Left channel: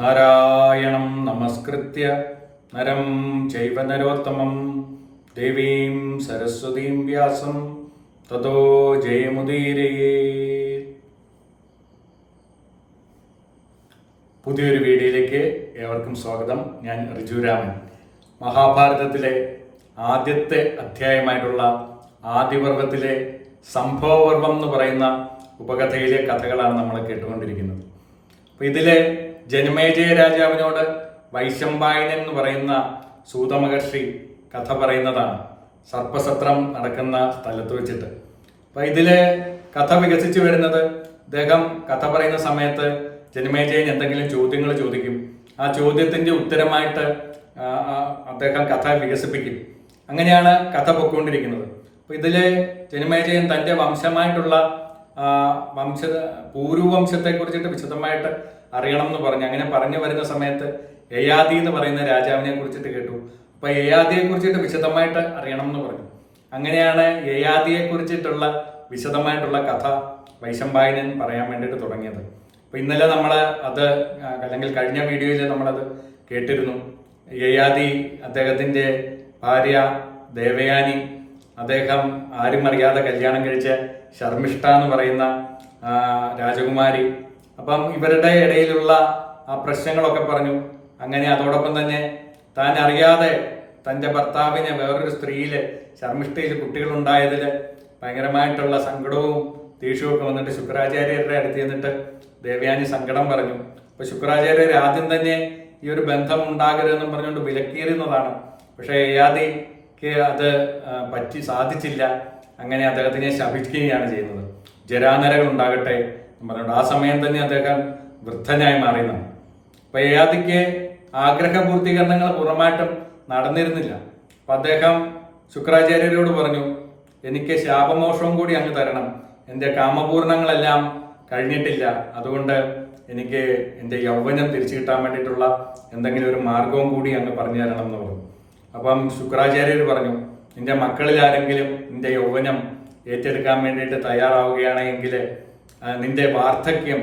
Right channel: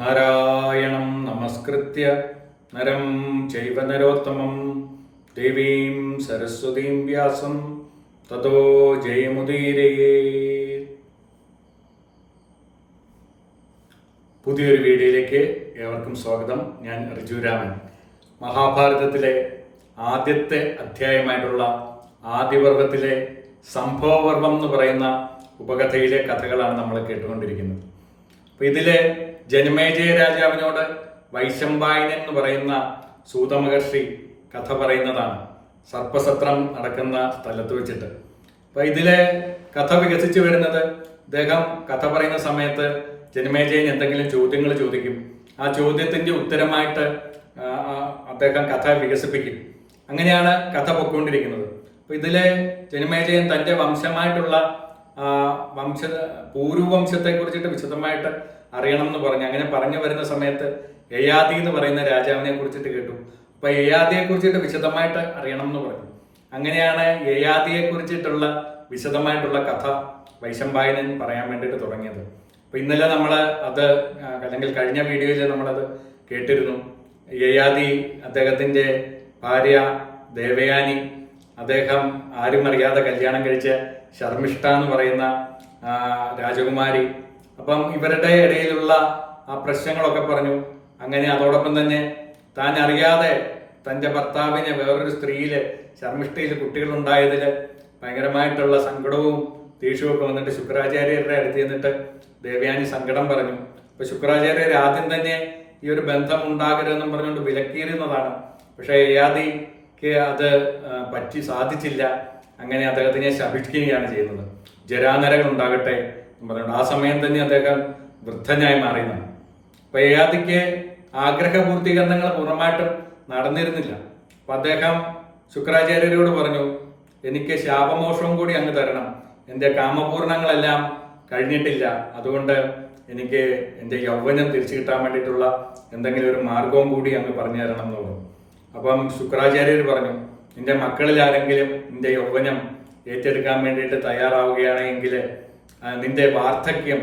നാരായണം നമസ്കൃത്യ നരം ചൈവ നരോത്തമം ദേവീം സരസ്വതീം വ്യാസം തതോ ജയമുദീരയേ. പുതിയൊരു വീഡിയോയിലേക്ക് ഏവർക്കും സ്വാഗതം. ഞാൻ റിജുരാമൻ. മഹാഭാരതത്തിലെ ആദ്യത്തെ അധ്യായമായിട്ടുള്ള ആദിപർവത്തിലെ സംഭവപർവം എന്ന് പറയുന്ന ഉപകഥയിലെ കഥകളാണ് നമ്മൾ കേട്ടുകൊണ്ടിരിക്കുന്നത്. അപ്പോൾ ഇതിലെ ജനമേജയ രാജാവിനോട് വൈശമ്പായനൻ എന്ന് പറയുന്ന സൂതമഹർഷി കഥ പറയുന്നതാണ്, സർപ്പസത്രം നടക്കുന്ന സ്ഥലത്ത് വെച്ചിട്ട്. അപ്പൊ ഇതിലെ കഥ വികസിച്ചു വരുന്നത്, അദ്ദേഹം കഥ പറയുന്ന സമയത്ത് ജനമേജയൻ എന്തെങ്കിലും ചോദ്യങ്ങൾ ചോദിക്കും. ആ ചോദ്യത്തിന്റെ ഉത്തരമായിട്ട് അദ്ദേഹം കഥ വികസിപ്പിക്കും. അങ്ങനെയാണ് കഥ പൊയ്ക്കൊണ്ടിരിക്കുന്നത്. അപ്പൊ ഇതിലെ ജനമേജയൻ തന്റെ വംശമായിട്ടുള്ള പൂർവവംശത്തെ കുറിച്ചിട്ട് വിശദമായിട്ട് അറിയണം എന്ന് പറഞ്ഞു. അങ്ങനെ പറഞ്ഞു വരുന്ന സമയത്ത് യയാതി എന്ന് പറയുന്ന രാജാവിനെ കുറിച്ചിട്ട് കേട്ടു. അപ്പൊ യയാതിയെ കുറിച്ചിട്ട് വിശദമായിട്ട് അറിയണം എന്ന് പറഞ്ഞു. അങ്ങനെയാണ് യയാതിയെ കുറിച്ചിട്ടുള്ള വിശദമായിട്ടുള്ള കഥ വൈശമ്പായനൻ പറയാൻ വേണ്ടിയിട്ട് തുടങ്ങിയത്. അപ്പൊ ഇന്നലെ നമ്മൾ അത്, അല്ലെങ്കിൽ കഴിഞ്ഞ വീഡിയോയിൽ നമ്മളത് കേട്ടിരുന്നു. യയാതി, അദ്ദേഹത്തിന്റെ ഭാര്യ ദേവയാനി, അദ്ദേഹം ആരും അറിയാതെ കല്യാണം കഴിച്ച ശർമ്മിഷ്ഠ എന്ന് പറയുന്ന രാജകുമാരി. അപ്പം ഇവരുടെ ഇടയിലുള്ള ആ പ്രശ്നങ്ങളൊക്കെ പറഞ്ഞു. അങ്ങനെ അതോടൊപ്പം തന്നെ താൻ അറിയാതെ തൻ്റെ ഭർത്താവിന് വേറൊരു സ്ത്രീയില് ശർമ്മിഷ്ഠയിൽ കുട്ടികളുണ്ടായതിൽ ഭയങ്കരമായിട്ടുള്ള സങ്കടവും ദേഷ്യവും ഒക്കെ വന്നിട്ട് ശുക്രാചാര്യരുടെ അടുത്ത് ചെന്നിട്ട് ദേവയാനി സങ്കടം പറഞ്ഞു. അപ്പൊ ശുക്രാചാര്യർ ആദ്യം തന്നെ ഈ ഒരു ബന്ധം ഉണ്ടാകരുതെന്നും പറഞ്ഞുകൊണ്ട് വിലക്കീറുന്നതാണ്. പക്ഷെ യയാതിക്ക് അത് സാധിച്ചില്ല. അങ്ങനെ അദ്ദേഹത്തിനെ ശപിക്കുകയാണ് ചെയ്യുന്നത്. ജരാനരകൾ ഉണ്ടാകട്ടെ എന്ന് പറഞ്ഞുകൊണ്ട് ആ സമയം തന്നെ അദ്ദേഹം വൃദ്ധനായി മാറിയെന്നാണ്. അപ്പൊ യയാതിക്ക് ആഗ്രഹപൂർത്തീകരണങ്ങൾ പൂർണ്ണമായിട്ടും നടന്നിരുന്നില്ല. അപ്പൊ അദ്ദേഹം ശുക്രാചാര്യരോട് പറഞ്ഞു, എനിക്ക് ശാപമോക്ഷവും കൂടി അങ്ങ് തരണം, എൻ്റെ കാമപൂർണങ്ങളെല്ലാം കഴിഞ്ഞിട്ടില്ല, അതുകൊണ്ട് എനിക്ക് എൻ്റെ യൗവനം തിരിച്ചു കിട്ടാൻ വേണ്ടിയിട്ടുള്ള എന്തെങ്കിലും ഒരു മാർഗവും കൂടി അങ്ങ് പറഞ്ഞു തരണം എന്ന് പറഞ്ഞു. അപ്പം ശുക്രാചാര്യർ പറഞ്ഞു, നിന്റെ മക്കളിൽ ആരെങ്കിലും നിന്റെ യൗവനം ഏറ്റെടുക്കാൻ വേണ്ടിയിട്ട് തയ്യാറാവുകയാണെങ്കിൽ, നിന്റെ വാർദ്ധക്യം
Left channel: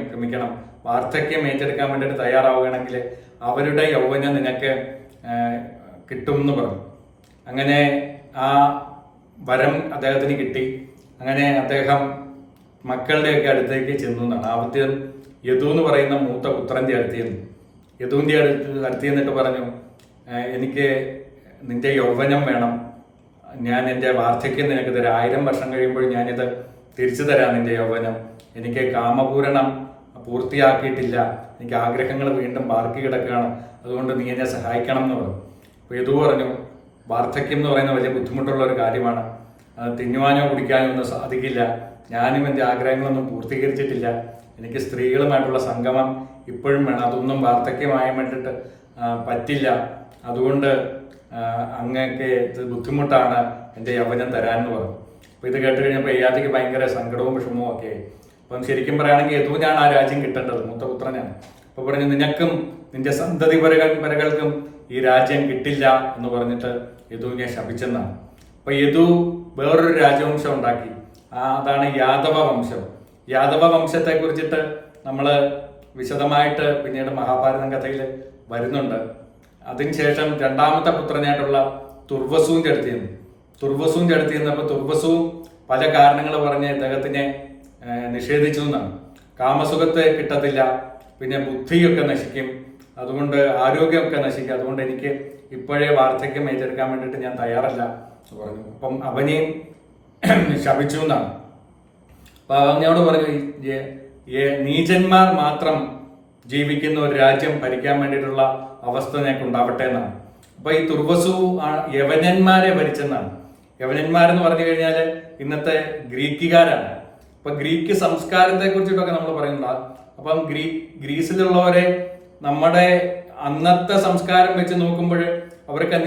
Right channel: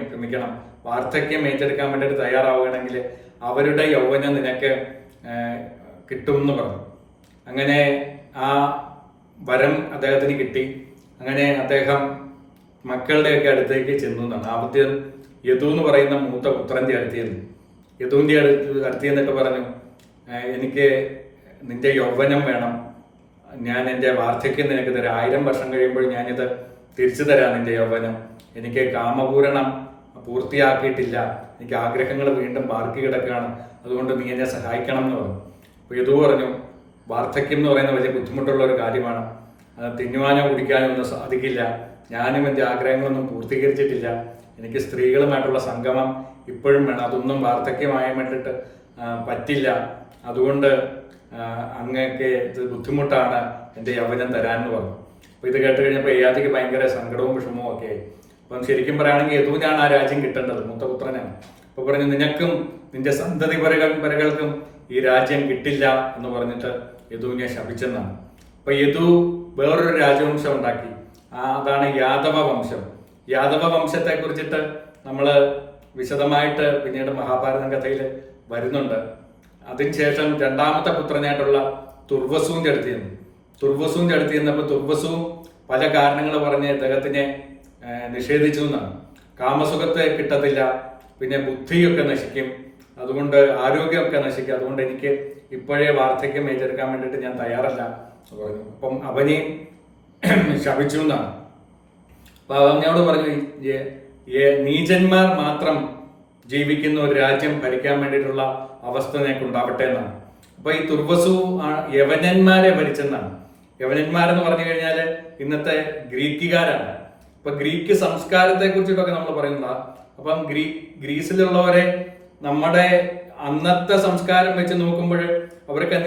ഏറ്റെടുക്കാൻ വേണ്ടിയിട്ട് തയ്യാറാവുകയാണെങ്കിൽ അവരുടെ യൗവനം നിനക്ക് കിട്ടും എന്ന് പറഞ്ഞു. അങ്ങനെ ആ വരം അദ്ദേഹത്തിന് കിട്ടി. അങ്ങനെ അദ്ദേഹം മക്കളുടെയൊക്കെ അടുത്തേക്ക് ചെന്നു എന്നാണ്. ആദ്യം യദു എന്ന് പറയുന്ന മൂത്ത പുത്രന്റെ യദുവിന്റെ അടുത്ത് ചെന്നിട്ട് പറഞ്ഞു, എനിക്ക് നിന്റെ യൗവനം വേണം, ഞാൻ എൻ്റെ വാർദ്ധക്യം നിനക്ക് തരാം, 1000 വർഷം കഴിയുമ്പോൾ ഞാനിത് തിരിച്ചു തരാം നിന്റെ യൗവനം, എനിക്ക് കാമപൂരണം പൂർത്തിയാക്കിയിട്ടില്ല, എനിക്ക് ആഗ്രഹങ്ങൾ വീണ്ടും ബാക്കി കിടക്കുകയാണ്, അതുകൊണ്ട് നീ എന്നെ സഹായിക്കണം എന്ന് പറഞ്ഞു. അപ്പോൾ യദു പറഞ്ഞു, വാർദ്ധക്യം എന്ന് പറയുന്ന വലിയ ബുദ്ധിമുട്ടുള്ള ഒരു കാര്യമാണ്, അത് തിന്നുവാനോ കുടിക്കാനോ ഒന്നും സാധിക്കില്ല, ഞാനും എൻ്റെ ആഗ്രഹങ്ങളൊന്നും പൂർത്തീകരിച്ചിട്ടില്ല, എനിക്ക് സ്ത്രീകളുമായിട്ടുള്ള സംഗമം ഇപ്പോഴും വേണം, അതൊന്നും വാർദ്ധക്യമായി വേണ്ടിയിട്ട് പറ്റില്ല, അതുകൊണ്ട് അങ്ങക്ക് ഇത് ബുദ്ധിമുട്ടാണ് എൻ്റെ യൗവനം തരാമെന്ന് പറഞ്ഞു. അപ്പോൾ ഇത് കേട്ട് കഴിഞ്ഞപ്പോൾ യയാതിക്ക് ഭയങ്കര സങ്കടവും വിഷമവും ഒക്കെ ആയി. അപ്പം ശരിക്കും പറയുകയാണെങ്കിൽ യദുവിനാണ് ആ രാജ്യം കിട്ടേണ്ടത്, മൂത്തപുത്രനാണ്. അപ്പോൾ പറഞ്ഞു, നിനക്കും നിന്റെ സന്തതി പരകൾക്കും ഈ രാജ്യം കിട്ടില്ല എന്ന് പറഞ്ഞിട്ട് യദുവിനെ ശപിച്ചെന്നാണ്. അപ്പൊ യദു വേറൊരു രാജവംശം ഉണ്ടാക്കി, അതാണ് യാദവ വംശം. യാദവ വംശത്തെ കുറിച്ചിട്ട് നമ്മൾ വിശദമായിട്ട് പിന്നീട് മഹാഭാരതം കഥയിൽ വരുന്നുണ്ട്. അതിനുശേഷം രണ്ടാമത്തെ പുത്രനായിട്ടുള്ള തുർവസുവിന്റെ അടുത്ത് ചെന്നപ്പോൾ തുർവസുവും പല കാരണങ്ങൾ പറഞ്ഞ് അദ്ദേഹത്തിനെ നിഷേധിച്ചു എന്നാണ്. കാമസുഖത്തെ കിട്ടത്തില്ല, പിന്നെ ബുദ്ധിയൊക്കെ നശിക്കും, അതുകൊണ്ട് ആരോഗ്യമൊക്കെ നശിക്കും, അതുകൊണ്ട് എനിക്ക് ഇപ്പോഴേ വാർദ്ധക്യം ഏറ്റെടുക്കാൻ വേണ്ടിയിട്ട് ഞാൻ തയ്യാറല്ല എന്ന് പറഞ്ഞു. അപ്പം അവനെയും ശപിച്ചു എന്നാണ്. അപ്പൊ അവനോട് പറഞ്ഞു, നീചന്മാർ മാത്രം ജീവിക്കുന്ന ഒരു രാജ്യം ഭരിക്കാൻ വേണ്ടിയിട്ടുള്ള അവസ്ഥ നിനക്ക് ഉണ്ടാവട്ടെ എന്നാണ്. അപ്പൊ ഈ തുർവസു യവനന്മാരെ ഭരിച്ചെന്നാണ്. യവനന്മാരെന്ന് പറഞ്ഞു കഴിഞ്ഞാൽ ഇന്നത്തെ ഗ്രീക്കുകാരാണ്. അപ്പൊ ഗ്രീക്ക് സംസ്കാരത്തെ കുറിച്ചിട്ടൊക്കെ നമ്മൾ പറയുന്നുണ്ട്. അപ്പം ഗ്രീസിലുള്ളവരെ നമ്മുടെ അന്നത്തെ സംസ്കാരം വെച്ച് നോക്കുമ്പോൾ അവരൊക്കെ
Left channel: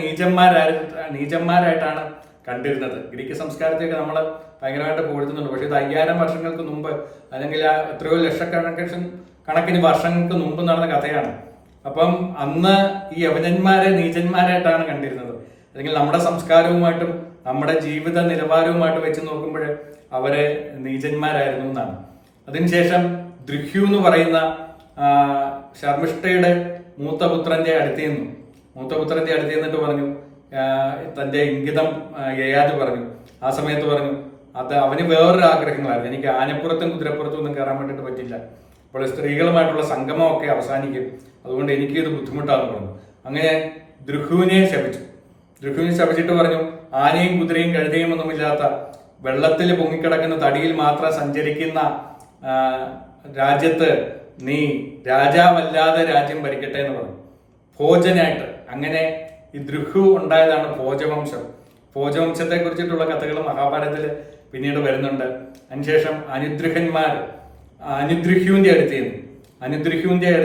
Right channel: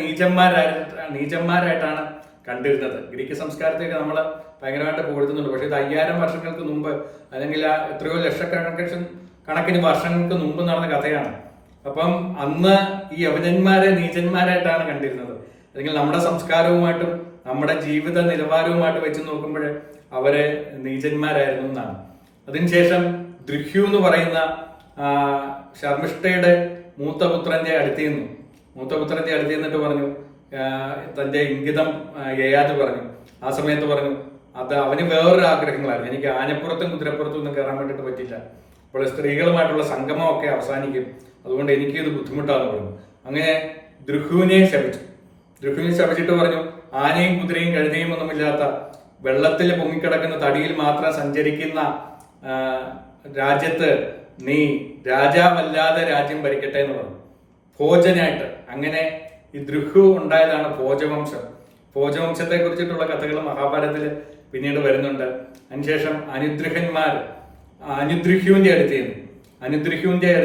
നീചന്മാരായിട്ടാണ് കണ്ടിരുന്നത്. ഗ്രീക്ക് സംസ്കാരത്തെയൊക്കെ നമ്മൾ ഭയങ്കരമായിട്ട് പുകഴ്ത്തുന്നുണ്ട്. പക്ഷെ ഇത് 5000 വർഷങ്ങൾക്ക് മുമ്പ്, അല്ലെങ്കിൽ എത്രയോ ലക്ഷക്കണക്കിന് വർഷങ്ങൾക്ക് മുമ്പ് നടന്ന കഥയാണ്. അപ്പം അന്ന് ഈ യവനന്മാരെ നീചന്മാരായിട്ടാണ് കണ്ടിരുന്നത്. അല്ലെങ്കിൽ നമ്മുടെ സംസ്കാരവുമായിട്ടും നമ്മുടെ ജീവിത നിലവാരവുമായിട്ട് വെച്ച് നോക്കുമ്പോൾ അവരെ നീചന്മാരായിരുന്നു എന്നാണ്. അതിനുശേഷം ദൃഹ്യു എന്ന് പറയുന്ന ശർമ്മിഷ്ഠയുടെ മൂത്തപുത്രന്റെ അടുത്ത് നിന്നു. മൂത്തപുത്രന്റെ അടുത്ത് നിന്നിട്ട് പറഞ്ഞു, തന്റെ ഇംഗിതം യയാതി പറഞ്ഞു. ആ സമയത്ത് പറഞ്ഞു, അത് അവന് വേറൊരു ആഗ്രഹങ്ങളായിരുന്നു. എനിക്ക് ആനപ്പുറത്തും കുതിരപ്പുറത്തും ഒന്നും കയറാൻ വേണ്ടിയിട്ട് പറ്റില്ല. അപ്പോൾ സ്ത്രീകളുമായിട്ടുള്ള സംഗമമൊക്കെ അവസാനിക്കും, അതുകൊണ്ട് എനിക്കിത് ബുദ്ധിമുട്ടാന്ന് പറഞ്ഞു. അങ്ങനെ ദ്രുഹുവിനെ ശപിച്ചു. ദ്രുഹുവിനെ ശപിച്ചിട്ട് പറഞ്ഞു, ആനയും കുതിരയും കഴുതയും ഒന്നുമില്ലാത്ത വെള്ളത്തിൽ പൊങ്ങിക്കിടക്കുന്ന തടിയിൽ മാത്രം സഞ്ചരിക്കുന്ന രാജ്യത്ത് നീ രാജാവല്ലാതെ രാജ്യം ഭരിക്കട്ടെ എന്ന് പറഞ്ഞു, ഭോജനായിട്ട്. അങ്ങനെ ഈ ദ്രുഹു ഉണ്ടായതാണ് ഭോജവംശം. ഭോജവംശത്തെ കുറിച്ചിട്ടുള്ള കഥകൾ മഹാഭാരതത്തിൽ പിന്നീട് വരുന്നുണ്ട്. അതിനുശേഷം അനുദ്രുഹ്യുവിന്റെ അടുത്ത്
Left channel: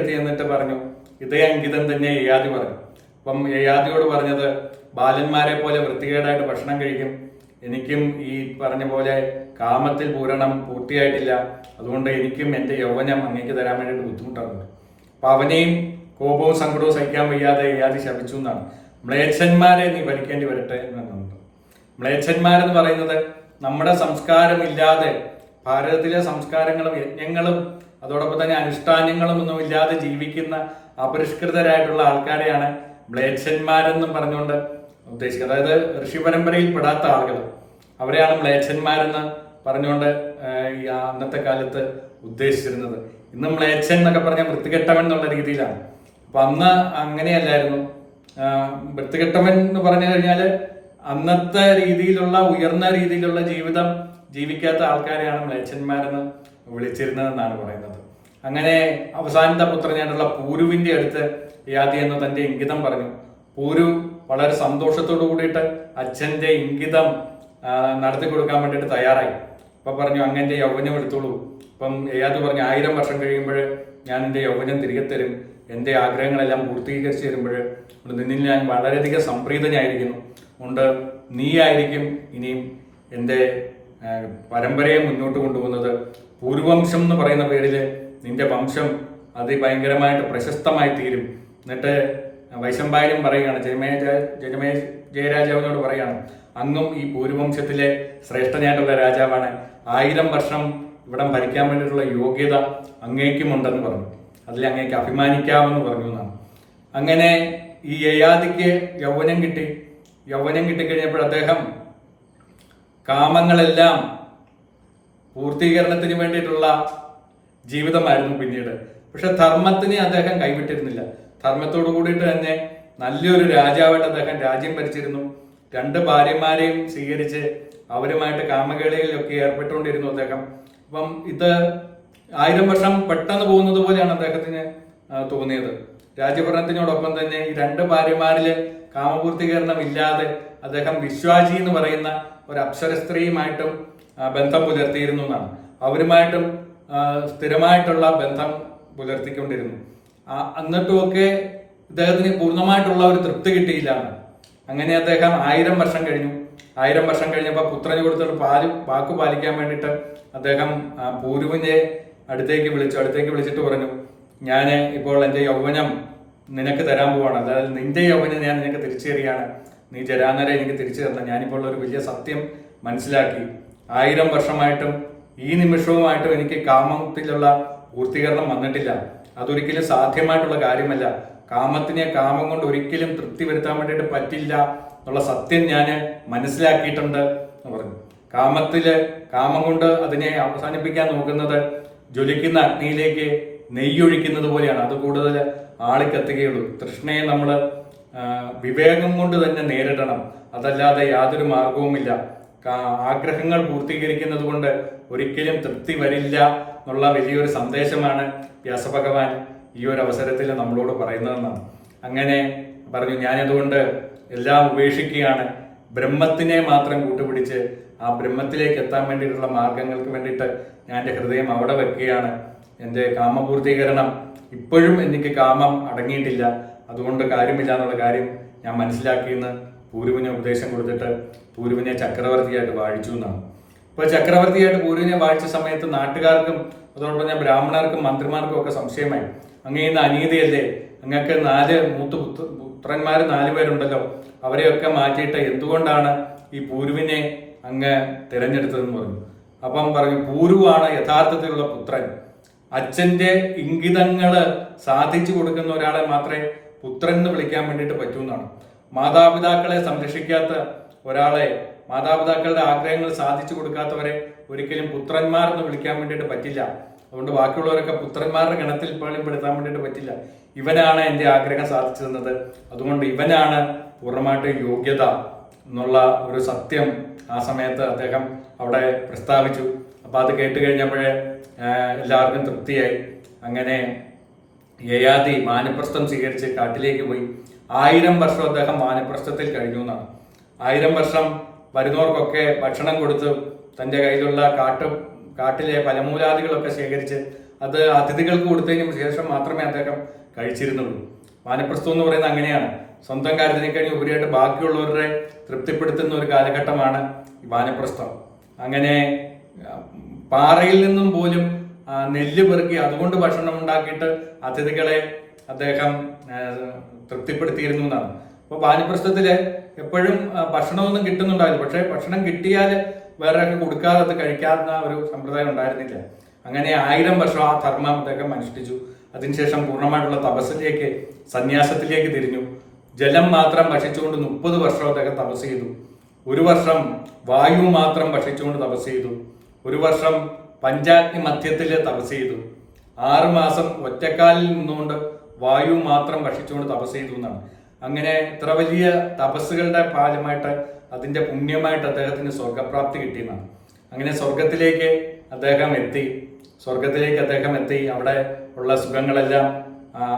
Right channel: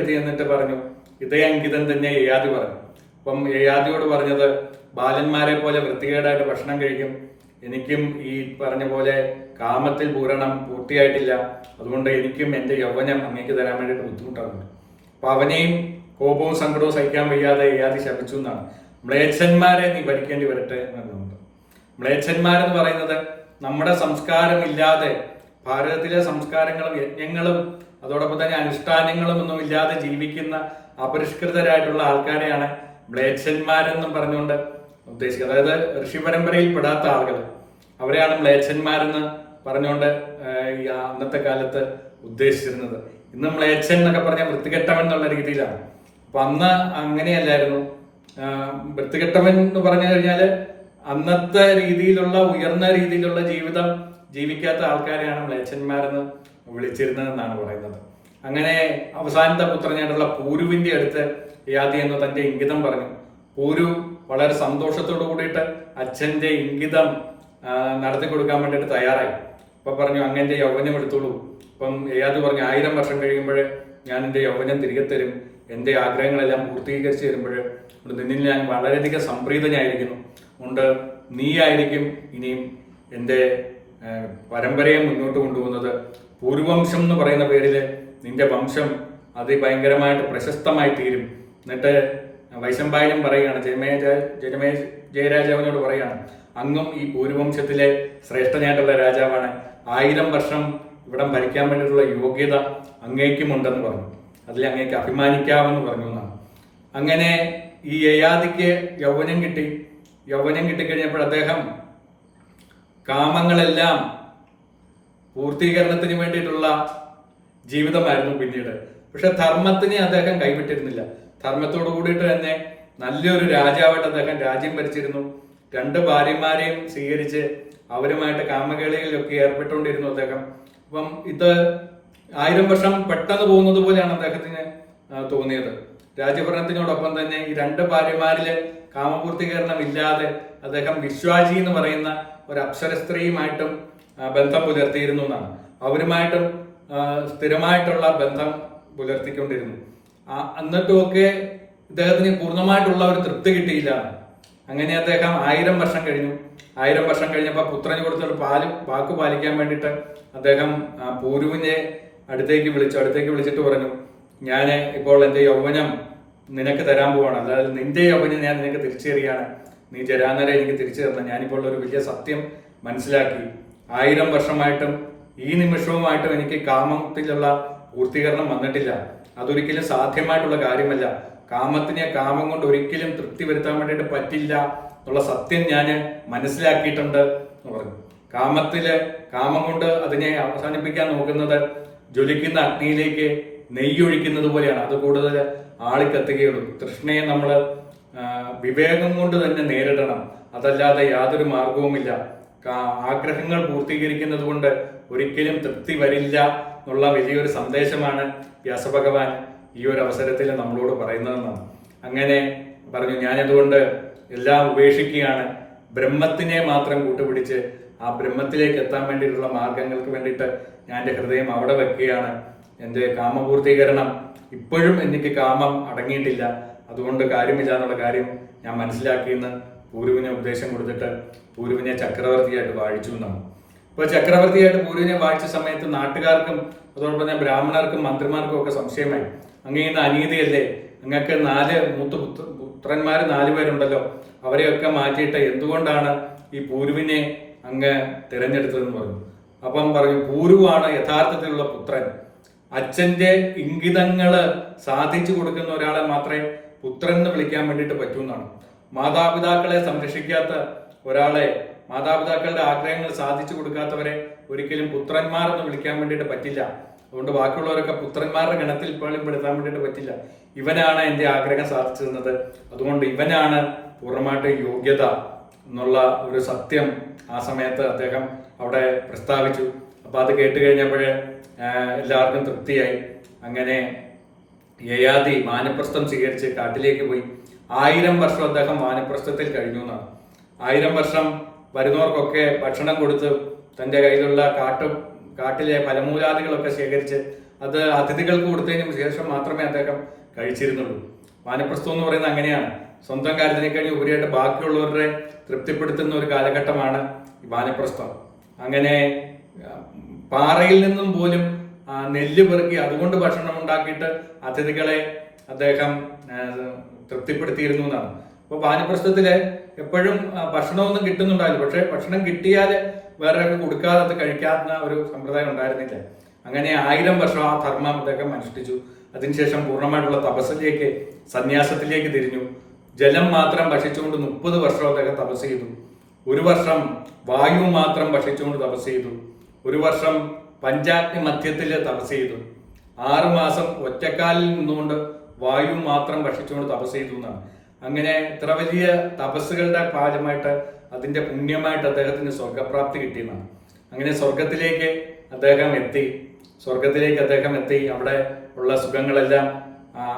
ചെന്നിട്ട് പറഞ്ഞു, ഇതേ അങ്കിതം തന്നെ യയാതി പറഞ്ഞു. അപ്പം യയാതിയോട് പറഞ്ഞത്, ബാലന്മാരെ പോലെ വൃത്തികേടായിട്ട് ഭക്ഷണം കഴിക്കും, എനിക്കും ഈ പറഞ്ഞ പോലെ കാമത്തിൽ പൂരണം പൂർത്തിയായിട്ടില്ല, അതുകൊണ്ട് എനിക്കും എൻ്റെ യൗവനം അങ്ങേക്ക് തരാൻ വേണ്ടിയിട്ട് ബുദ്ധിമുട്ടാകുന്നുണ്ട്. അപ്പൊ അവനെയും കോപവും സങ്കടവും സഹിക്കാൻ വയ്യാതെ യയാതി ശപിച്ചു എന്നാണ്. മ്ലേച്ഛന്മാരെ നീ ഭരിക്കേണ്ടി വരട്ടെ എന്നുണ്ട്. മ്ലേച്ഛന്മാരെന്ന് പറയുന്നത് നമ്മുടെ സംസ്കാരമില്ലാതെ, ഭാരതത്തിലെ സംസ്കാരങ്ങളും യജ്ഞങ്ങളും അതോടൊപ്പം തന്നെ അനുഷ്ഠാനങ്ങളും ഒന്നും ഇല്ലാതെ ജീവിക്കുന്ന അപരിഷ്കൃതരായിട്ടുള്ള ആൾക്കാരെയാണ് മ്ലേച്ഛന്മാരെന്നും പറഞ്ഞുകൊണ്ട് ഉദ്ദേശിക്കുന്നത്. അതായത് ഋഷി പരമ്പരയിൽ പെടാത്ത ആളുകൾ, അവരെയാണ് മ്ലേച്ഛന്മാരെന്ന് പറഞ്ഞുകൊണ്ട് ഈ അന്നത്തെ കാലത്ത് ഉദ്ദേശിച്ചിരുന്നത്. ഇന്ന് മ്ലേച്ഛൻ എന്നൊക്കെ പറഞ്ഞാൽ വൃത്തികെട്ടവൻ എന്നുള്ള രീതിയിലാണ്. അപ്പൊ അന്ന് അങ്ങനെയല്ലായിരുന്നു. വൃത്തികെട്ടവൻ എന്ന് പറഞ്ഞു കഴിഞ്ഞാല് അന്നത്തെ രീതിയിലുള്ള ഉയർന്ന രീതിയിലുള്ള ജീവിതം ജീവിക്കാത്ത ആൾക്കാരെയാണ് മ്ലേച്ഛന്മാരെന്ന് വിളിച്ചിരുന്നതെന്നാണ് പറയുന്നത്. അങ്ങനെ അവസാനത്തെ പുത്രനായിട്ടുള്ള പൂരുവിന്റെ അടുത്ത് യയാതി എന്ന് തന്റെ ഇംഗിതം പറഞ്ഞു. പൂരു വളരെ സന്തോഷത്തോടു കൂടിയിട്ട് അച്ഛന്റെ ഇംഗിതം നടത്തി കൊടുക്കാൻ വേണ്ടിയിട്ട് തയ്യാറായി. അപ്പൊ പറഞ്ഞു, അങ്ങന്റെ യൗവനം എടുത്തോളൂ. അപ്പം യയാതി പറഞ്ഞു, 1000 വർഷം കഴിയുമ്പോൾ ഞാൻ എൻ്റെ യൗവനം തിരികെ തരും, എൻ്റെ ആഗ്രഹങ്ങളെല്ലാം പൂർത്തീകരിച്ച് തരുമ്പോൾ നിന്നിൽ ഞാൻ വളരെയധികം സംപ്രീതനായിരിക്കുന്നു. അതുകൊണ്ട് നീയായിരിക്കും ഇനിയും എൻ്റെ പരമ്പരയെ മുന്നോട്ട് കൊണ്ടുപോകുന്നത്. പൂർവംശം എന്ന് പറയുന്ന പേരിൽ നിന്റെ വംശം അതിഭയങ്കരമായിട്ട് പ്രശസ്തമായി തീരും. എന്നിട്ട് വൈശമ്പായനം പറയുകയാണ്, ജയരാജാവിനോട് പറയുകയാണ്, അങ്ങും ഈ പൂർവംശത്തിലെ ശ്രേഷ്ഠനായിട്ടുള്ള രാജാവാണ്, 1000 വർഷം ഇവിടം ഭരിക്കാൻ വേണ്ടിയിട്ടുള്ള യോഗ്യത അങ്ങേക്കുമുണ്ടെന്ന് പറഞ്ഞു. അതിൽ അങ്ങേക്ക് അഭിമാനിക്കാമെന്ന് പറഞ്ഞു എന്നാണ്. അങ്ങനെ ഈ യയാതിക്ക് യൗവനം കിട്ടിക്കഴിഞ്ഞപ്പോൾ അദ്ദേഹം കാമങ്ങളെല്ലാം പൂർത്തീകരണത്തിന് വേണ്ടിയിട്ടുള്ള ജീവിതമായിരുന്നു പിന്നീട്. പക്ഷെ ധർമ്മത്തിനെ അദ്ദേഹം കൈവിട്ടിരുന്നില്ല. ധർമ്മത്തോടു കൂടിയിട്ട് തന്നെ നല്ലൊരു രാജാവായിട്ട് അദ്ദേഹം രാജ്യം ഭരിച്ചിരുന്നു. 2 ഭാര്യമാരെയും സ്വീകരിച്ച് അവരുമായിട്ട് കാമകേളികളിലൊക്കെ ഏർപ്പെട്ടുകൊണ്ടിരുന്നു അദ്ദേഹം. അപ്പം ഇത് 1000 വർഷം പെട്ടെന്ന് പോകുന്നത് പോലെയാണ് അദ്ദേഹത്തിന് തോന്നിയത്. രാജ്യഭരണത്തിനോടൊപ്പം തന്നെ ഈ 2 ഭാര്യമാരില് കാമപൂർത്തീകരണം ഇല്ലാതെ അദ്ദേഹം വിശ്വാജി എന്ന് പറയുന്ന ഒരു അപ്സര സ്ത്രീയുമായിട്ടും ബന്ധം പുലർത്തിയിരുന്നു എന്നാണ്. അവരുമായിട്ടും സ്ഥിരമായിട്ടുള്ള ബന്ധം പുലർത്തിക്കൊണ്ടിരുന്നു. എന്നിട്ടുമൊക്കെ ഇദ്ദേഹത്തിന് പൂർണ്ണമായിട്ടുള്ള ഒരു തൃപ്തി കിട്ടിയില്ല. അങ്ങനെ അദ്ദേഹം 1000 വർഷം കഴിഞ്ഞു. 1000 വർഷം കഴിഞ്ഞപ്പോൾ പുത്രന് കൊടുത്തിട്ട് വാക്ക് പാലിക്കാൻ വേണ്ടിയിട്ട് അദ്ദേഹം പൂരുവിനെ അടുത്തേക്ക് വിളിച്ചിട്ട് പറഞ്ഞു, ഞാൻ ഇപ്പോൾ എൻ്റെ യൗവനം നിനക്ക് തരാൻ പോവാണ്, അതായത് നിന്റെ യൗവനം ഞാൻ നിനക്ക് തിരിച്ചു തരികയാണ്, നീ ജരാനരെ എനിക്ക് തിരിച്ചു തരണം. ഞാനിപ്പോൾ ഒരു വലിയ സത്യം മനസ്സിലാക്കി, 1000 വർഷമായിട്ടും ഈ നിമിഷവുമായിട്ടും എനിക്ക് കാമത്തിലുള്ള പൂർത്തീകരണം വന്നിട്ടില്ല. അതൊരിക്കലും സാധ്യമായിട്ടുള്ള കാര്യമല്ല. കാമത്തിനെ കാമം കൊണ്ട് ഒരിക്കലും തൃപ്തി വരുത്താൻ വേണ്ടിയിട്ട് പറ്റില്ല എന്നുള്ള സത്യം ഞാൻ മനസ്സിലാക്കിയിട്ടുണ്ട് എന്ന് പറഞ്ഞു. കാമം കൊണ്ട് അതിനെ അവസാനിപ്പിക്കാൻ നോക്കുന്നത് ജ്വലിക്കുന്ന അഗ്നിയിലേക്ക് നെയ്യൊഴിക്കുന്നത് പോലെയാണ്. അത് കൂടുതൽ ആളിക്കത്തുകയുള്ളൂ. തൃഷ്ണയെ നമ്മൾ വിവേകം കൊണ്ട് തന്നെ നേരിടണം, അതല്ലാതെ യാതൊരു മാർഗവുമില്ല. ആഗ്രഹങ്ങൾ പൂർത്തീകരിക്കുന്നത് കൊണ്ട് ഒരിക്കലും തൃപ്തി വരില്ല എന്നുള്ള വലിയൊരു സന്ദേശമാണ് വ്യാസഭഗവാൻ ഈ ഒരു അവസരത്തിൽ നമ്മളോട് പറയുന്നതെന്നാണ്. അങ്ങനെ പറഞ്ഞു, ഞാനതുകൊണ്ട് എല്ലാം ഉപേക്ഷിക്കുകയാണ്, ബ്രഹ്മത്തിനെ മാത്രം കൂട്ടുപിടിച്ച് ആ ബ്രഹ്മത്തിലേക്ക് എത്താൻ വേണ്ടിയിട്ടുള്ള മാർഗങ്ങൾക്ക് വേണ്ടിയിട്ട് ഞാൻ എൻ്റെ ഹൃദയം അവിടെ വെക്കുകയാണ്. എൻ്റെ കാമപൂർത്തീകരണം ഇപ്പോഴും എനിക്ക് കാമം അടങ്ങിയിട്ടില്ല, അതുകൊണ്ട് കാര്യമില്ല എന്നുള്ള കാര്യം ഞാൻ മനസ്സിലാക്കിയെന്ന് പൂരുവിനെ ഉപദേശം കൊടുത്തിട്ട് പൂരുവിനെ ചക്രവർത്തിയായിട്ട് വാഴിച്ചു എന്നാണ്. ഇപ്പോൾ ചക്രവർത്തിയായിട്ട് പൂരുവിനെ വാഴിച്ച സമയത്ത് നാട്ടുകാർക്കും അതോടൊപ്പം തന്നെ ബ്രാഹ്മണർക്കും മന്ത്രിമാർക്കും ഒക്കെ സംശയമായി. അങ്ങേന്ന് അനീതിയല്ലേ, അങ്ങക്ക് 4 പുത്രന്മാർ 4 പേരുണ്ടല്ലോ, അവരെയൊക്കെ മാറ്റിയിട്ട് എന്തുകൊണ്ടാണ് ഈ പൂരുവിനെ അങ്ങ് തിരഞ്ഞെടുത്തതെന്ന് പറഞ്ഞു. അപ്പം പറഞ്ഞു, പൂരുവാണ് യഥാർത്ഥത്തിലുള്ള പുത്രൻ, അച്ഛന്റെ ഇംഗിതങ്ങള് സാധിച്ചു കൊടുക്കുന്ന ഒരാളെ മാത്രമേ പുത്രൻ എന്ന് വിളിക്കാൻ വേണ്ടിയിട്ട് പറ്റൂ എന്നാണ്. മാതാപിതാക്കളെ സംരക്ഷിക്കാത്ത ഒരാളെ, മാതാപിതാക്കളുടെ ആഗ്രഹങ്ങൾ സാധിച്ചു കൊടുക്കാത്തവരെ ഒരിക്കലും പുത്രന്മാർ എന്ന് വിളിക്കാൻ വേണ്ടിയിട്ട് പറ്റില്ല. അതുകൊണ്ട് ബാക്കിയുള്ളവരൊക്കെ പുത്രന്മാരുടെ ഗണത്തിൽ പോലും പെടുത്താൻ വേണ്ടിയിട്ട് പറ്റില്ല. ഇവനാണ് എൻ്റെ ആഗ്രഹം സാധിച്ചു തന്നത്, അതുകൊണ്ട് ഇവനാണ് പൂർണ്ണമായിട്ട് യോഗ്യത എന്നുള്ള ഒരു സത്യം ആ സമയത്ത് അദ്ദേഹം അവിടെ പ്രസ്താവിച്ചു. അപ്പൊ അത് കേട്ട് കഴിഞ്ഞപ്പോഴേ എല്ലാവർക്കും തൃപ്തിയായി. അങ്ങനെ യയാതി വാനപ്രസ്ഥം സ്വീകരിച്ച് കാട്ടിലേക്ക് പോയി. 1000 വർഷം അദ്ദേഹം വാനപ്രസ്ഥത്തിൽ കഴിഞ്ഞു എന്നാണ്. 1000 വർഷം വരുന്നവർക്കൊക്കെ ഭക്ഷണം കൊടുത്ത് തൻ്റെ കയ്യിലുള്ള കാട്ടിലെ ഫലമൂലാദികളൊക്കെ ശേഖരിച്ച് അത് അതിഥികൾക്ക് കൊടുത്തതിന് ശേഷം മാത്രമേ അദ്ദേഹം കഴിച്ചിരുന്നുള്ളൂ. വാനപ്രസ്ഥം എന്ന് പറയുന്നത് അങ്ങനെയാണ്. സ്വന്തം കാര്യത്തിനെ കഴിഞ്ഞ് ഉപരിയായിട്ട് ബാക്കിയുള്ളവരുടെ തൃപ്തിപ്പെടുത്തുന്ന ഒരു കാലഘട്ടമാണ് വാനപ്രസ്ഥം. അങ്ങനെ പാറയിൽ നിന്നും പോലും നെല്ല് പെറുക്കി അതുകൊണ്ട് ഭക്ഷണം ഉണ്ടാക്കിയിട്ട് അതിഥികളെ അദ്ദേഹം തൃപ്തിപ്പെടുത്തിയിരുന്നു എന്നാണ്. അപ്പോൾ വാനപ്രസ്ഥത്തില് എപ്പോഴും ഭക്ഷണമൊന്നും കിട്ടുന്നുണ്ടാവില്ല. പക്ഷെ ഭക്ഷണം കിട്ടിയാൽ വേറെ ഒക്കെ കൊടുക്കാതെ അത് കഴിക്കാവുന്ന ഒരു സമ്പ്രദായം ഉണ്ടായിരുന്നില്ല. അങ്ങനെ 1000 വർഷം ആ ധർമ്മം അദ്ദേഹം അനുഷ്ഠിച്ചു. അതിനുശേഷം പൂർണ്ണമായിട്ടുള്ള തപസ്സിലേക്ക്, സന്യാസത്തിലേക്ക് തിരിഞ്ഞു. ജലം മാത്രം ഭക്ഷിച്ചുകൊണ്ട് 30 വർഷം അദ്ദേഹം തപസ് ചെയ്തു. 1 വർഷം വായു മാത്രം ഭക്ഷിച്ചുകൊണ്ട് തപസ് ചെയ്തു. 1 വർഷം പഞ്ചാഗ്നി മധ്യത്തിൽ തപസ് ചെയ്തു. 6 മാസം ഒറ്റക്കാലിൽ നിന്നുകൊണ്ട് വായു മാത്രം ഭക്ഷിച്ചുകൊണ്ട് തപസ് ചെയ്തു എന്നാണ്. അങ്ങനെ ഇത്ര വലിയ തപസ്സുകളുടെ ഫലമായിട്ട് അതിന്റെ പുണ്യമായിട്ട് അദ്ദേഹത്തിന് സ്വർഗപ്രാപ്തി കിട്ടിയെന്നാണ്. അങ്ങനെ സ്വർഗത്തിലേക്ക് അദ്ദേഹം എത്തി. അവിടെ ഉള്ള സുഖങ്ങളെല്ലാം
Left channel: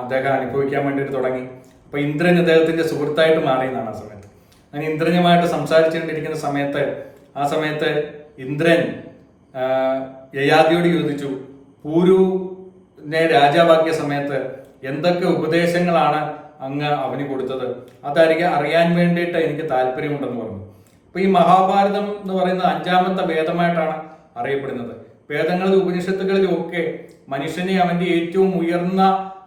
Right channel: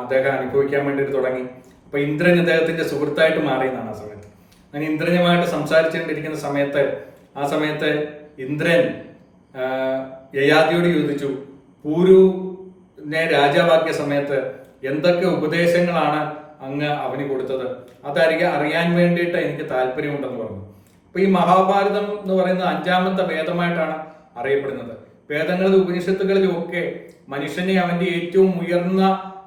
അദ്ദേഹം അനുഭവിക്കാൻ വേണ്ടിയിട്ട് തുടങ്ങി. അപ്പൊ ഇന്ദ്രൻ അദ്ദേഹത്തിന്റെ സുഹൃത്തായിട്ട് മാറിയെന്നാണ് ആ സമയത്ത്. അങ്ങനെ ഇന്ദ്രനുമായിട്ട് സംസാരിച്ചുകൊണ്ടിരിക്കുന്ന സമയത്ത് ഇന്ദ്രൻ യയാതിയോട് ചോദിച്ചു, പൂരുവിനെ രാജാവാക്കിയ സമയത്ത് എന്തൊക്കെ ഉപദേശങ്ങളാണ് അങ്ങ് അവന് കൊടുത്തത്? അതായിരിക്കും അറിയാൻ വേണ്ടിയിട്ട് എനിക്ക് താല്പര്യമുണ്ടെന്ന് പറഞ്ഞു. അപ്പൊ ഈ മഹാഭാരതം എന്ന് പറയുന്നത് 5ാമത്തെ വേദമായിട്ടാണ് അറിയപ്പെടുന്നത്. വേദങ്ങളിലും ഉപനിഷത്തുകളിലും ഒക്കെ മനുഷ്യനെ അവന്റെ ഏറ്റവും ഉയർന്ന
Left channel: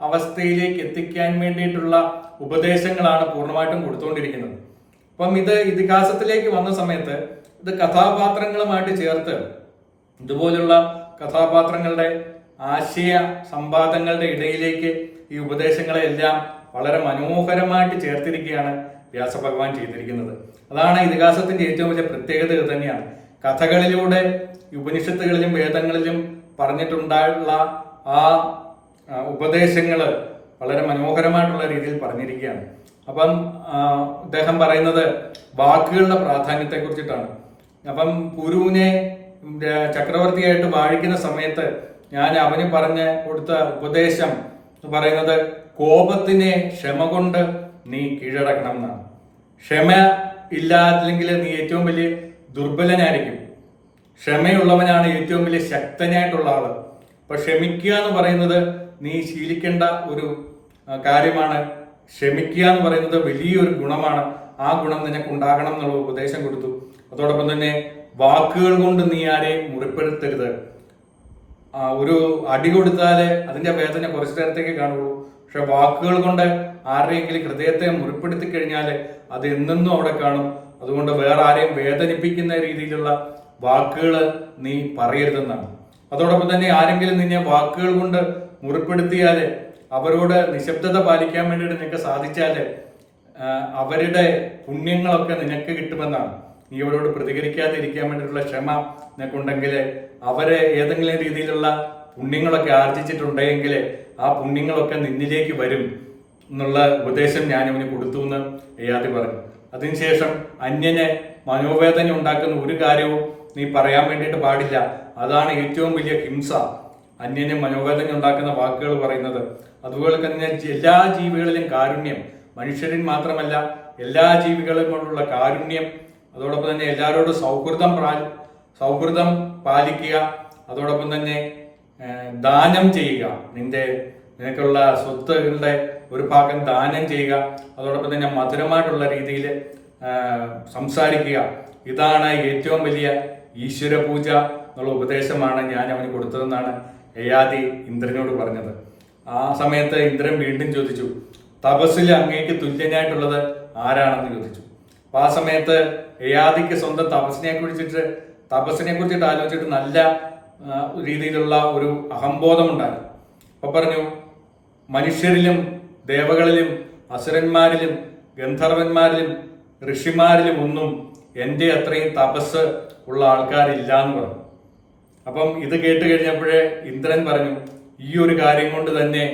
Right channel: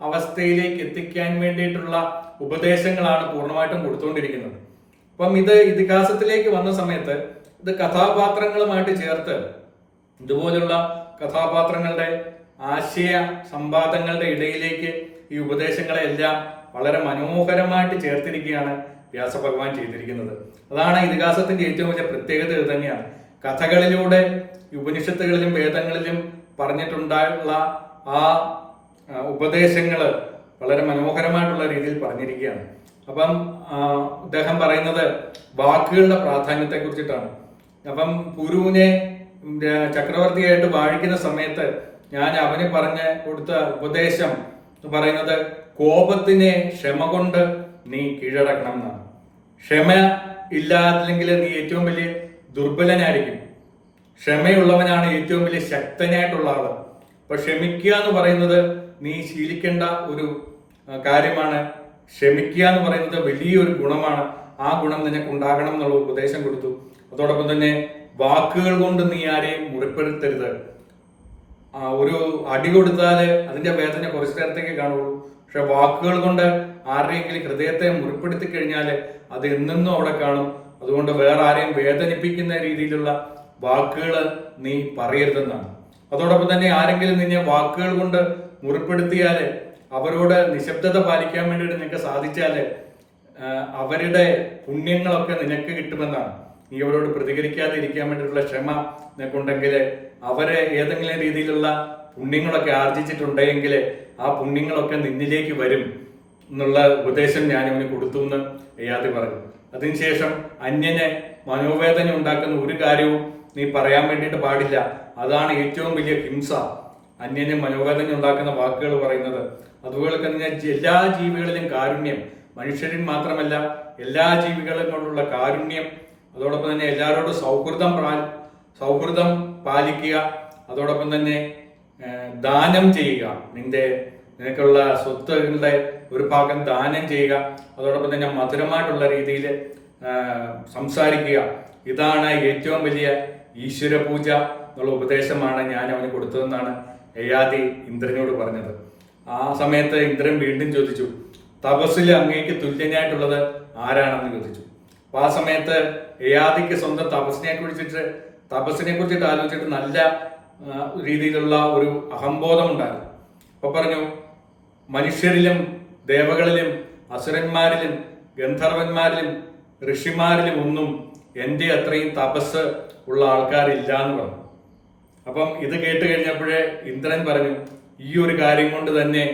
അവസ്ഥയിലേക്ക് എത്തിക്കാൻ വേണ്ടിയിട്ടുള്ള ഉപദേശങ്ങളാണ് പൂർണ്ണമായിട്ടും കൊടുത്തുകൊണ്ടിരിക്കുന്നത്. അപ്പം ഇത് ഇതിഹാസത്തിലേക്ക് വന്ന സമയത്ത് ഇത് കഥാപാത്രങ്ങളുമായിട്ട് ചേർത്ത് ഇതുപോലുള്ള കഥാപാത്രങ്ങളുടെ ആശയ സംവാദങ്ങളുടെ ഇടയിലേക്ക് ഈ ഉപദേശങ്ങളെ എല്ലാം വളരെ മനോഹരമായിട്ട് ചേർത്തിരിക്കുകയാണ് വ്യാസഭഗവാൻ ചെയ്തിരിക്കുന്നത്. അതാണ് ഇതിഹാസത്തിന്റെ ഏറ്റവും വലിയ പ്രത്യേകത. ഇത് തന്നെയാണ് കഥകളിലൂടെ ഉപനിഷത്തുകളിലും വേദങ്ങളിലും പറഞ്ഞിട്ടുണ്ടായുള്ള ആ ഉപദേശങ്ങൾ വളരെ മനോഹരമായിട്ടുള്ള രീതിയിൽ പറഞ്ഞിരിക്കുകയാണ്. അപ്പം അദ്ദേഹം പറയുന്നത് വാക്കുകളുടെ പ്രാധാന്യത്തെ കുറിച്ചിട്ടാണ്. അപ്പം പുരുവിനെ ചക്രവർത്തിയായിട്ട് വാഴിക്കുന്ന സമയത്ത് ഞാൻ അവന് പറഞ്ഞ് കൊടുത്ത ഉപദേശം എന്ന് പറയുന്നത് കോപത്തിനെ ക്ഷമ കൊണ്ട് നീ കീഴടക്കണം എന്നാണ്. ക്ഷമ ഇല്ലാതില്ലെങ്കിൽ നീ ഏറ്റവും വലിയ ദുർബലനായിരിക്കും. ക്ഷമയുള്ളവനാണ് ഏറ്റവും വലിയ ശക്തനായിട്ടുള്ള ആള്. അപ്പൊ ക്ഷമിക്കുക എന്ന് പറയുന്നത് നീ ശീലിക്കേണ്ട ഒരു കാര്യമാണ്. ക്ഷമിക്കുക എന്ന് പറയുന്നത് വലിയൊരു ഗുണമാണ്. ആ ഗുണം നിനക്ക് ഉണ്ടാകണം എന്നുള്ള ഉപദേശം കൊടുത്തു. അതോടൊപ്പം തന്നെ വാക്കുകൾ കൊണ്ട് നീ ആരെയും മുറിപ്പെടുത്തരുത്. ഒരു അടി കൊടുത്താല് അതിന്റെ വേദന കുറച്ചു നേരത്തേക്ക് കാണുള്ളൂ. പക്ഷെ വാക്കുകൾ കൊണ്ട് ആരുടെയെങ്കിലും ഹൃദയത്തെ മുറിപ്പെടുത്തി കഴിഞ്ഞാൽ അത് എന്നെന്നും അവിടെ കാണും. അതുകൊണ്ട് വേറെ ആരെയും വേദനിപ്പിക്കുന്ന രീതിയിലുള്ള വാക്കുകൾ നീ പറയരുതെന്നാണ്. അതോടൊപ്പം തന്നെ ആരെങ്കിലും നിന്നെ വാക്കുകൾ കൊണ്ട് മുറിപ്പെടുത്തിയാല് അവരോട് നിശബ്ദത പാലിക്കാൻ വേണ്ടിയിട്ട് നിനക്ക് സാധിച്ചാല് അവരുടെ പുണ്യങ്ങളൊക്കെ നിനക്ക് കിട്ടുമെന്നാണ്. നീ അവരോട് പ്രതികരിക്കാതെ ഇരിക്കാൻ വേണ്ടിയിട്ടുള്ള ക്ഷമ നിനക്കുണ്ടെങ്കിൽ അവരെ ഏതെങ്കിലും രീതിയിലുള്ള പുണ്യങ്ങളൊക്കെ ആർജിച്ചിട്ടുണ്ടെങ്കിൽ ആ പുണ്യങ്ങളൊക്കെ നിന്നിലേക്ക് വരും എന്നുള്ള ഉപദേശം ഞാൻ അവന് കൊടുത്തു എന്ന് യയാതി പറഞ്ഞു. അതിനുശേഷം അന്യനെ മനോവേദന ഉണ്ടാക്കുന്ന ഒരു കാര്യവും നീ പറയാൻ വേണ്ടിയിട്ട് പാടില്ല. അതാണ് ഏറ്റവും വലിയ ഹിംസ, അന്യനെ മനോവേദന ഉണ്ടാക്കുന്ന വാക്കുകൾ പറയുന്നത്. അതുപോലെ തന്നെ എല്ലാ ജീവികളിലും കാരുണ്യം, മനുഷ്യരിൽ മാത്രമല്ല എല്ലാ ജീവികളും കൊണ്ടുള്ള കാരുണ്യം, അതോടൊപ്പം തന്നെ എല്ലാവരോടും സൗഹൃദം പാലിക്കുക, അതോടൊപ്പം തന്നെ ദാനം ചെയ്യുക, നിനക്കുള്ള സ്വത്തുകളുടെ ഒരു ഭാഗം ദാനം ചെയ്യുക, അതോടൊപ്പം തന്നെ മധുരമായിട്ടുള്ള രീതിയിൽ സംസാരിക്കുക. ഇതാണ് ഏറ്റവും വലിയ ഈശ്വര പൂജ എന്നുള്ള ഉപദേശമാണ് ഞാൻ അവന് കൊടുത്തതെന്നാണ് യയാതി ഇന്ദ്രനോട് പറഞ്ഞത്. ആ സമയത്ത് ഇന്ദ്രൻ വീണ്ടും ചോദിച്ചു, തപസ്സിൽ അങ്ങേക്ക് തുല്യനായിട്ടുള്ളത് ആരാണെന്ന് ചോദിച്ചു. അപ്പൊ ആ സമയത്ത് യയാതിക്ക് സ്വന്തം തപസ്സിനെ കുറിച്ചിട്ട് ആലോചിച്ചിട്ട് നല്ല രീതിയിലുള്ള ഒരു അഹംബോധമുണ്ടായിരുന്നു. അപ്പോൾ പറഞ്ഞു, മനുഷ്യരിലും ദേവകളിലും അസുരന്മാരിലും ഗന്ധർവന്മാരിലും ഋഷിമാരിലും ഒന്നും എൻ്റെ അത്രയും തപസ് ഉള്ള ആൾക്കാരില്ല എന്ന് പറഞ്ഞു. അപ്പം ഇത് കേട്ട് കഴിഞ്ഞപ്പോഴേ ഇന്ദ്രൻ പറഞ്ഞു, ഈ ഒരു കാര്യം കൊണ്ട് തന്നെ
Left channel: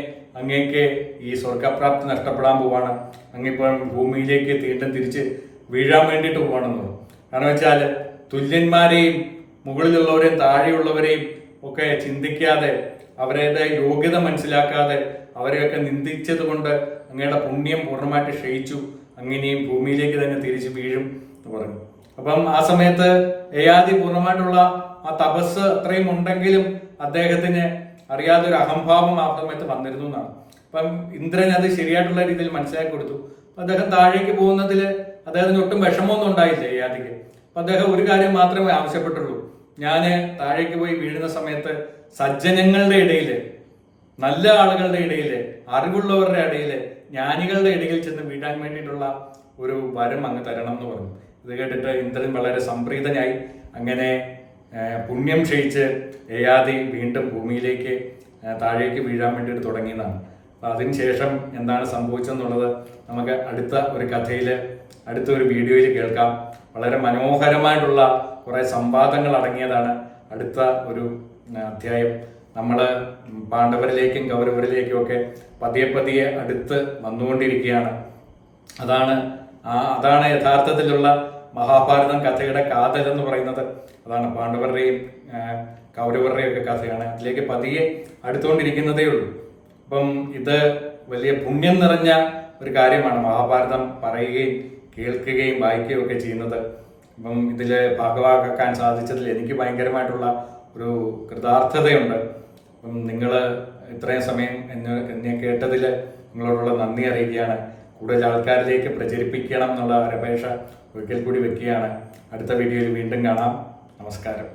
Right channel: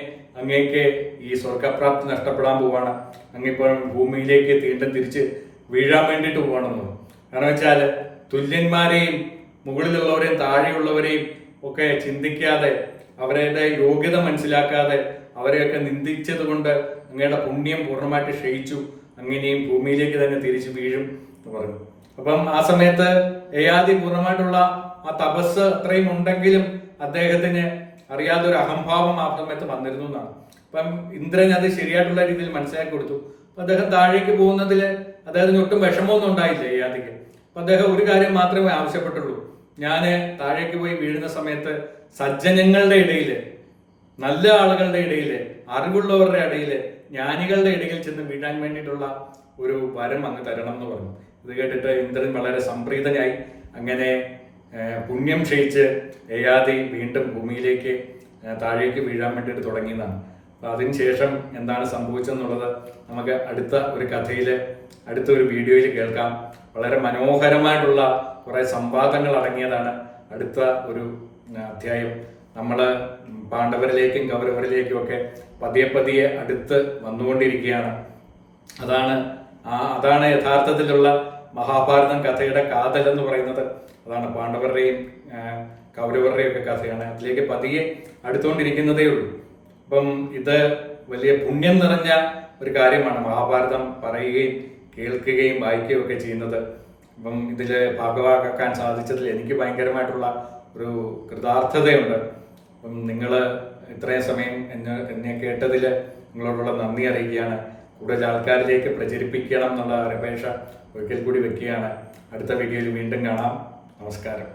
അങ്ങേക്ക് ഈ സ്വർഗപ്രാപ്തി നഷ്ടപ്പെടാൻ പോവാണ്, അങ്ങിപ്പോൾ ഭൂമിയിലേക്ക് തീണ്ടും തിരിച്ച് വീഴാൻ വേണ്ടിയിട്ട് പോവാണെന്ന് പറഞ്ഞു. കാരണം വെച്ചാൽ തുല്യന്മാരെയും മുകളിലുള്ളവരെയും താഴെയുള്ളവരെയും ഒക്കെ ചിന്തിക്കാതെ അവരുടെ യോഗ്യത മനസ്സിലാക്കാതെ അവരെയൊക്കെ നിന്ദിച്ചത് കൊണ്ട് അങ്ങയുടെ പുണ്യം പൂർണ്ണമായിട്ട് ക്ഷയിച്ചു, അങ്ങനെയും ഭൂമിയിലേക്ക് തന്നെ തിരിച്ചു വീഴും എന്ന് പറഞ്ഞു. അപ്പം ആ സമയത്ത് യയാതി പൂർണ്ണമായിട്ടുള്ള ആ തപസ് അത്രയും ഉണ്ടെങ്കിലും അദ്ദേഹത്തിന് അറിയാതെ ഒരു അഹംഭാവം ആ സമയത്ത് വന്നിരുന്നു എന്നാണ്. അപ്പം ഇന്ദ്രൻ അത് ശരിയായിട്ടുള്ള രീതിയിൽ മനസ്സിലാക്കി കൊടുത്തു. അപ്പൊ അദ്ദേഹം താഴേക്ക് പോകുന്നതിൽ അദ്ദേഹത്തിന് ഒട്ടും വിഷമമൊന്നും ഉണ്ടായില്ല യയാതിക്ക്. അപ്പൊ അദ്ദേഹം ഒരു കാര്യം മാത്രമേ ആവശ്യപ്പെട്ടുള്ളൂ, ഞാൻ താഴേക്ക് പോയി വീഴുന്ന സമയത്ത് സജ്ജനങ്ങളുടെ ഇടയിൽ, നല്ല ആളുകളുടെ ഇടയിൽ, അറിവുള്ളവരുടെ ഇടയിൽ, ജ്ഞാനികളുടെ ഇടയിൽ ചെന്ന് വീഴാൻ വേണ്ടിയിട്ടുള്ള ഒരു വരം അങ്ങ് തരണം എന്ന് പറഞ്ഞു. ഇത് കേട്ടിട്ട് ഇന്ദ്രൻ വളരെ സംപ്രീതനായി. അങ്ങനെ പുണ്യം ക്ഷയിച്ച് യയാതി വീണ്ടും ഭൂമിയിലേക്ക് താഴേക്ക് വീഴാൻ വേണ്ടിയിട്ട് തുടങ്ങിയതാണ്. അപ്പം അതിനുശേഷം എന്താണ് സംഭവിച്ചെന്നുള്ളത് നമുക്ക് അടുത്ത ഒരു കഥയിൽ, അടുത്ത ഒരു വീഡിയോയിൽ കേൾക്കാം. വളരെ മനോഹരമായിട്ടുള്ള കുറേ സംവാദങ്ങൾ അടങ്ങിയതാണ് അടുത്ത ഒരു അധ്യായം. നമ്മൾ പാണ്ഡവരിലേക്കും കൗരവരിലേക്കും ഒക്കെ പതിയെ പതിയെ അടുത്ത് വന്നുകൊണ്ടിരിക്കുകയാണ്. അതാണ് യഥാർത്ഥത്തിലുള്ള മഹാഭാരതം കഥയുടെ കാതൽ എന്ന് പറയുന്നത്. അതാണ് പാണ്ഡവരുടെയും കൗരവരുടെയും ഒക്കെ കഥയാണ്. അതിലേക്ക് പതിയെ അടുത്തുകൊണ്ടിരിക്കുന്നതേ ഉള്ളൂ. അപ്പം ഇത് വലിയ പുണ്യം നിറഞ്ഞ ഒരു കാര്യമാണ് മഹാഭാരതം പറയുകയും കേൾക്കുകയും വായിക്കുകയും ഒക്കെ ചെയ്യുന്നത്. അപ്പം ഇതിൽ ഭാഗവാക്കാൻ സാധിച്ചതിൽ എനിക്ക് ഭയങ്കരമായിട്ടുള്ള ഒരു കൃതാർത്ഥതയുണ്ട്. അപ്പം നിങ്ങൾ ഇത്രയും സമയം എന്നെ കേട്ടതിൽ നിങ്ങളോടുള്ള നന്ദി അറിയിക്കുകയാണ്. കൂടുതൽ ആൾക്കാരിലേക്ക് പ്രചരിപ്പിക്കണം എന്നുള്ള അപേക്ഷ ഒരിക്കൽ കൂടി വെക്കുകയാണ്. അടുത്ത വീഡിയോയിൽ വീണ്ടും കാണാം. നമസ്കാരം.